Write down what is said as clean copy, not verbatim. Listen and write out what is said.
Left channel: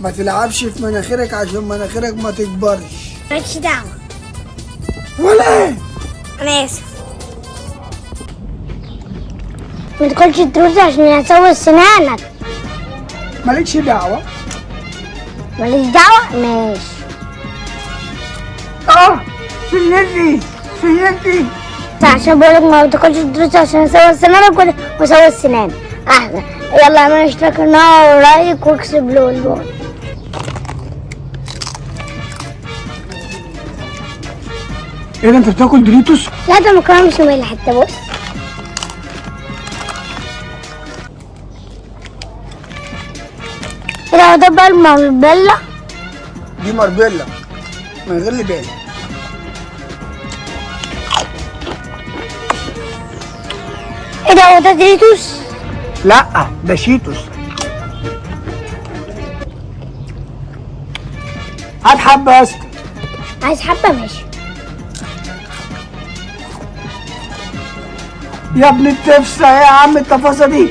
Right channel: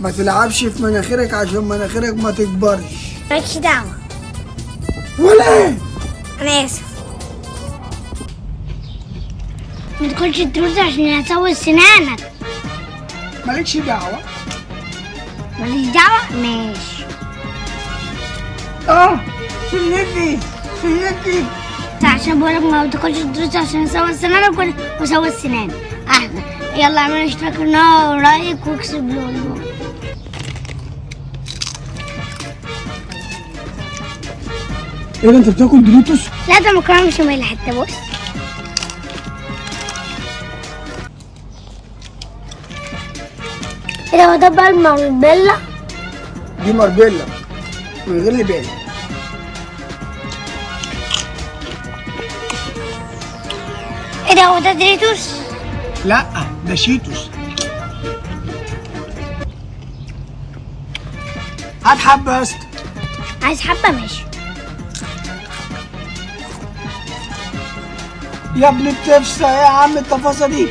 ما تلعبش في مناخيرك عشان مناخيرك ما تكبرش. مالكش دعوة. ولا ايه؟ أنا آسف. ما تاكلش الدروس عشان هتسوي سنانك. مالكش دعوة. ماليش دعوة؟ ماشي. سنتي. عشان بقولك ما تاكلش الدروس عشان اسوي سنانك واسوي السنان. أحسن. يلا اعمل اشتراك النار ورايك واكسب لون. ايه ده انت بتاكل دوريتوس؟ لا ده مكرونة مش مملة حتى بص. ايه ده هو ده بقى الماربيلا؟ دي ماربيلا من غير لبان. ايه ده هو ده دوريتوس؟ لا ده شيتوس. هات حبة يا اسطى. عايز حبة ماشي. يا ابن التفسة يا عم التفاصيل دي.